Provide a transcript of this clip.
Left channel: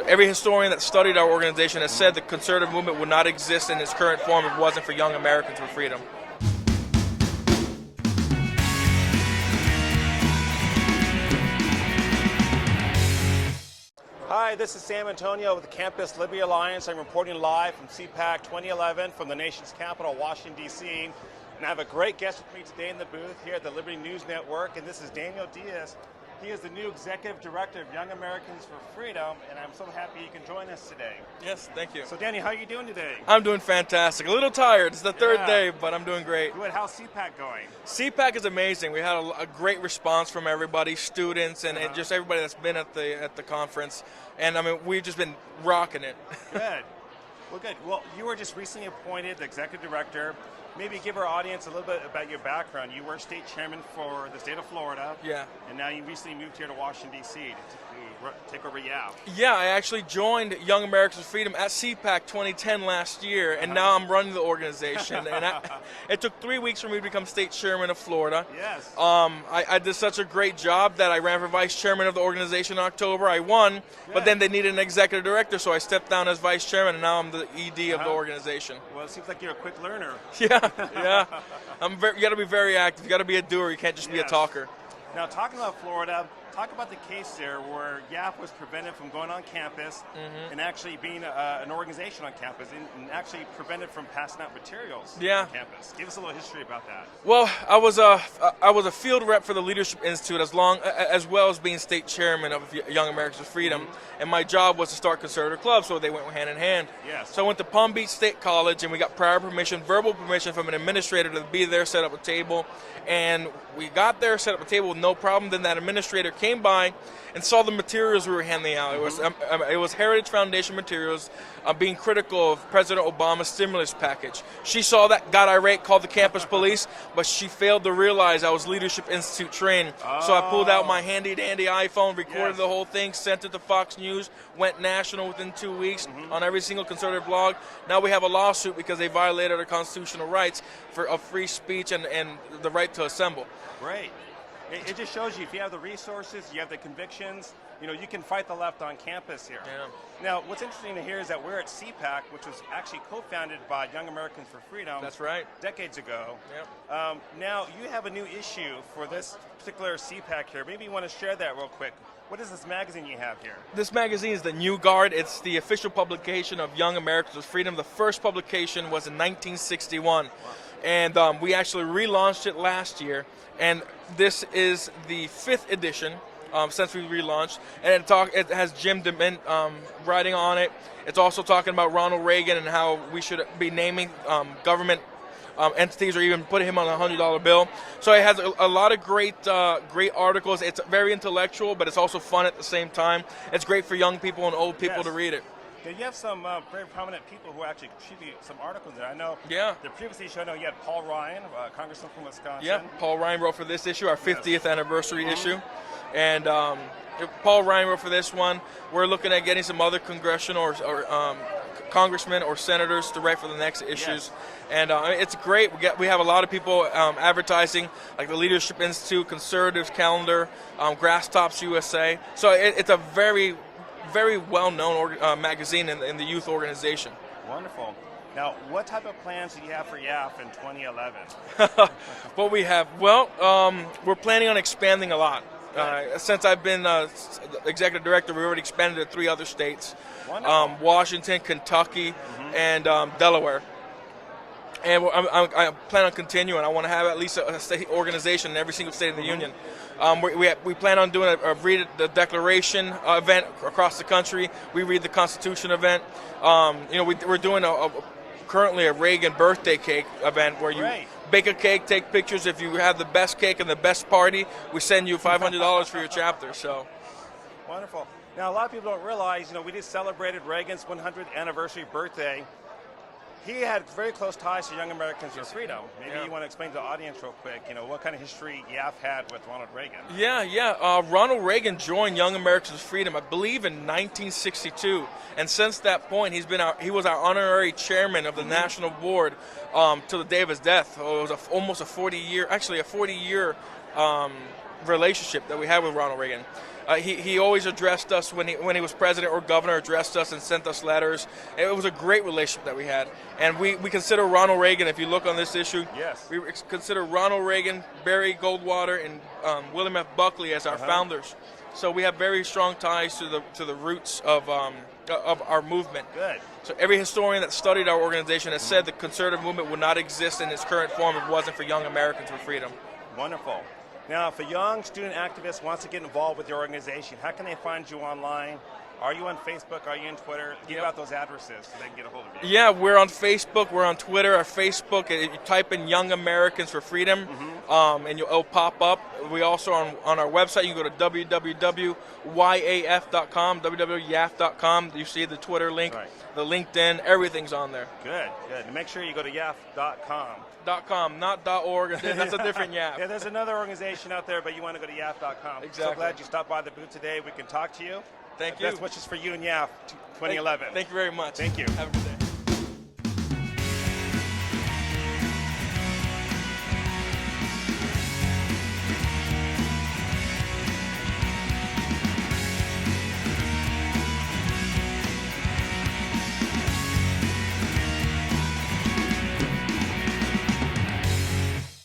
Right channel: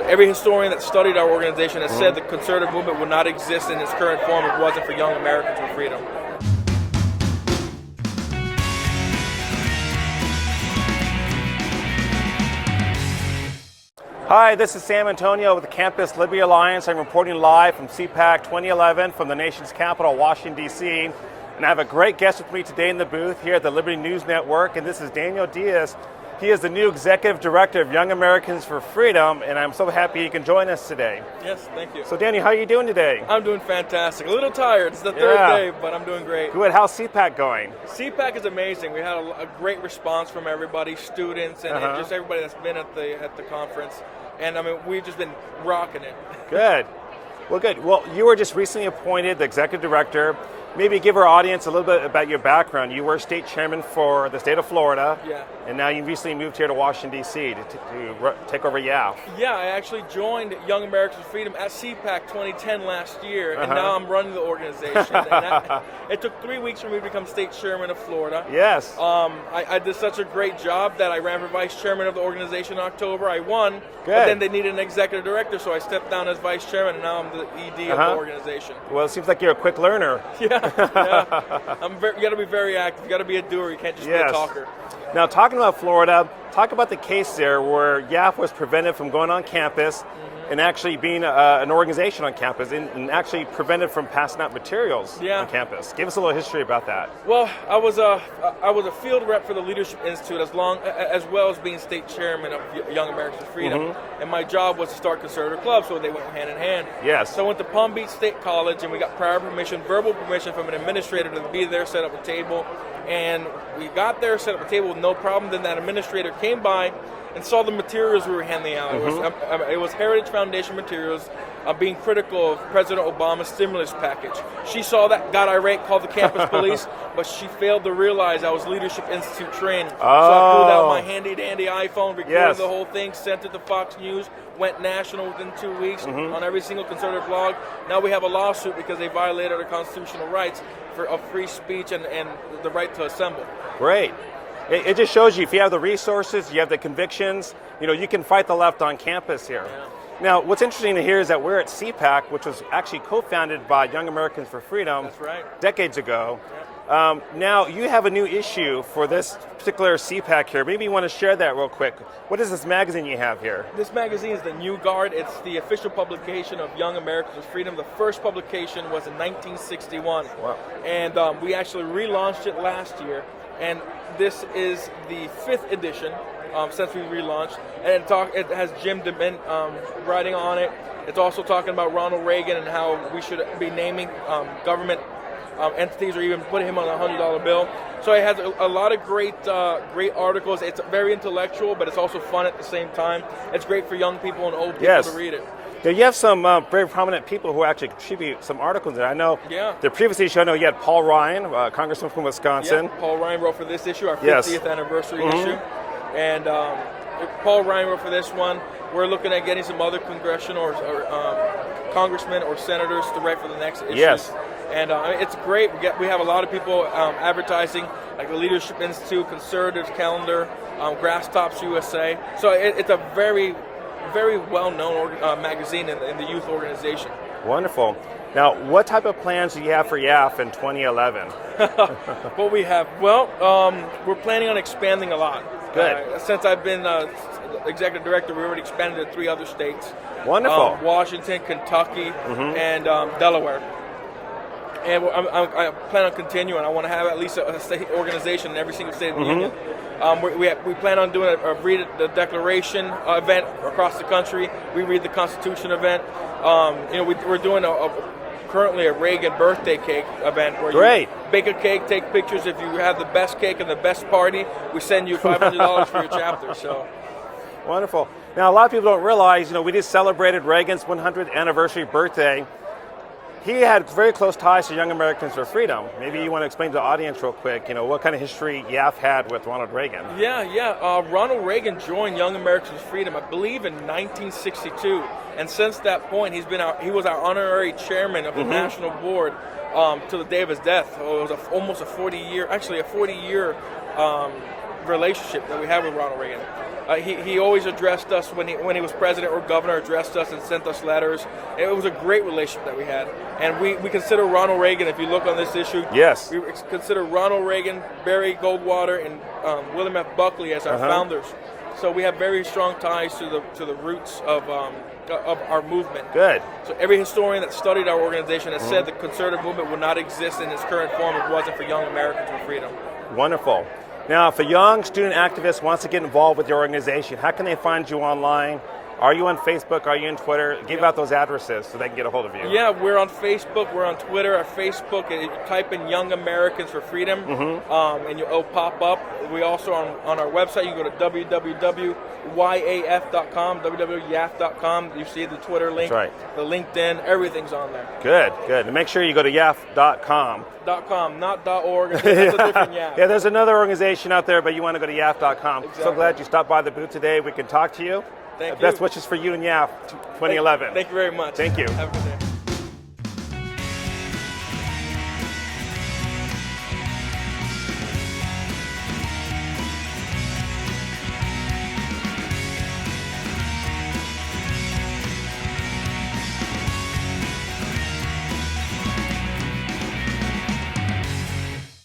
Every historian that studied our organization has said the conservative movement would not exist in its current form if it wasn't for Young Americans for Freedom. Hi, this is Sam Antonio with the Campus Liberty Alliance. I'm reporting live from CPAC 2011 from the nation's capital, Washington, D.C. And I have a great guest with me today in the booth here at the Liberty News Network, and this is Diaz. He is the new Executive Director of Young Americans for Freedom, and I'm so happy he can join us today. Yes, thank you. So Daniel, how are you doing today? I'm doing fantastic. A little tired. It's the third day, but I'm doing great. Good. How's CPAC going? CPAC is amazing. We had a great response from everybody, students, and just everybody that's been at the conference. And I mean, we've just been rocking it. Good. Well, good. Well, you were just recently appointed the Executive Director. Maybe give our audience a little bit about your background. You were state chairman for the state of Florida, and now you recently moved here to Washington, D.C. to take over YAF. Yeah, I actually joined Young Americans for Freedom at CPAC 2010 last year, and now I'm running the organization. And it took 3 weeks for me to become state chairman of Florida. Yes. I did such a great job that I ran for vice chairman of the organization in October. I won, but then they needed an executive director, so I stepped down as vice chairman, and now I'm the ED of the organization. Well, it seems like you're a quick learner. Yeah. You got to be very active. You got to be a doer. You can't just be a talker. Now, talking about Florida, talk about the case there where YAF was prevented from going on campus and actually being an organization on campus and actually prevented from passing out materials on campus. Give us a little history about that. Well, I was a field rep for the Leadership Institute as well as being state chairman of Young Americans for Freedom. And my job was to start conservative clubs, so they went hand in hand. Yes. So I went to Palm Beach State College, and we got prior permission, verbal permission from an administrator to be there, set up a table. And we got there, set up a table with no problem. Then that administrator came by and saw the materials we were handing out. It was Heritage Foundation materials being critical of President Obama's stimulus package. She saw that, got irate, called the campus police, but she failed to realize I was Leadership Institute trained. So I pulled out my handy-dandy iPhone, recorded the whole thing, sent it to Fox News, went national within 2 weeks on every single conservative blog. Now we have a lawsuit because they violated our constitutional rights of free speech and the right to assemble. Great. It just shows you if you have the resources, you have the convictions, you can fight the left on campus here. Now, what's interesting to hear is that we're at CPAC, which was actually co-founded by Young Americans for Freedom decades ago. Now, you have a new issue for this particular CPAC here. Maybe you want to share that real quick. What is this magazine you have here? This magazine is the New Guard. It's the official publication of Young Americans for Freedom. The first publication was in 1961. Wow. And we actually relaunched it last year. And this is the 5th edition since we relaunched. And it has Jim DeMint writing on it. It's also talking about Ronald Reagan and how we should be naming government entities or even putting him on a $100 bill. So it has a lot of great articles. It's very intellectual, but it's also fun at the same time. It's great for young people and old people to read it. Now, you have some very prominent people who actually contribute some articles there. I know the previous issue, I know you had Paul Ryan, Congressman from Wisconsin. Yeah, Paul Ryan wrote for this issue, our 50th anniversary issue. And Paul Ryan wrote for this one. We're looking at getting some other congressional or congressmen or senators to write for the next issues. Yes. And it's great. We have a lot of people advertising, like the Leadership Institute, Conservatives Calendar, Grass Tops USA. So it's a very well-known magazine in the youth organization. Wonderful. Now, what type of plans do you have for YAF in 2011? What we have? Well, we're planning on expanding a lot. Good. Since I've been executive director, we already expanded to 3 other states. Wonderful. Washington, Kentucky, and Delaware. And I plan on continuing. I want to have at least a state organization in every single state of the union. We plan on doing a read the Declaration event across the country. We read the Constitution event. We're doing currently a Reagan birthday cake event where you bake a cake, take pictures. If you have the best cake and the best party, we send you $500 for your chapter. So. Wonderful. Now, a lot of people don't realize, we just celebrated Reagan's 100th anniversary birthday. He had very close ties to Young Americans for Freedom. Maybe you want to explain to the audience real quick, what kind of history YAF had with Ronald Reagan. Ronald Reagan joined Young Americans for Freedom, I believe, in 1962. And since that point, he was our honorary chairman of the national board till the day of his death. It was almost a 40-year relationship that we had with Ronald Reagan. He always addressed us when he was president or governor, addressed us and sent us letters. And it was a great relationship that we had. And we consider Ronald Reagan, if you look on this issue, yes, we consider Ronald Reagan, Barry Goldwater, and William F. Buckley as our founders. So we have very strong ties to the roots of our movement. Good. So every historian that studied our organization has said the conservative movement would not exist in its current form if it wasn't for Young Americans for Freedom. Wonderful. Now, if a young student activist wants to get involved with your organization, how can they find you online? Are you on Facebook? Are you on Twitter? Give out those addresses so they can get a hold of you. Yeah, we're on Facebook. We're on Twitter. Our Facebook, if you type in Young Americans for Freedom, and it'll pop up. We also on our website. You can go to www.yaf.com, www.yaf.com. You see the Twitter link, That's right. The LinkedIn, everything's on there. Good, good. And make sure you go to yaf.com. .com, not .org. That's a different YAF. Yeah, there's another organization out there, but you want to go to yaf.com. Exactly. So glad you stopped by the booth today. We can talk to you. Thank you. Best wishes for you and YAF 2011. Thank you very much. Thank you. Have a good day.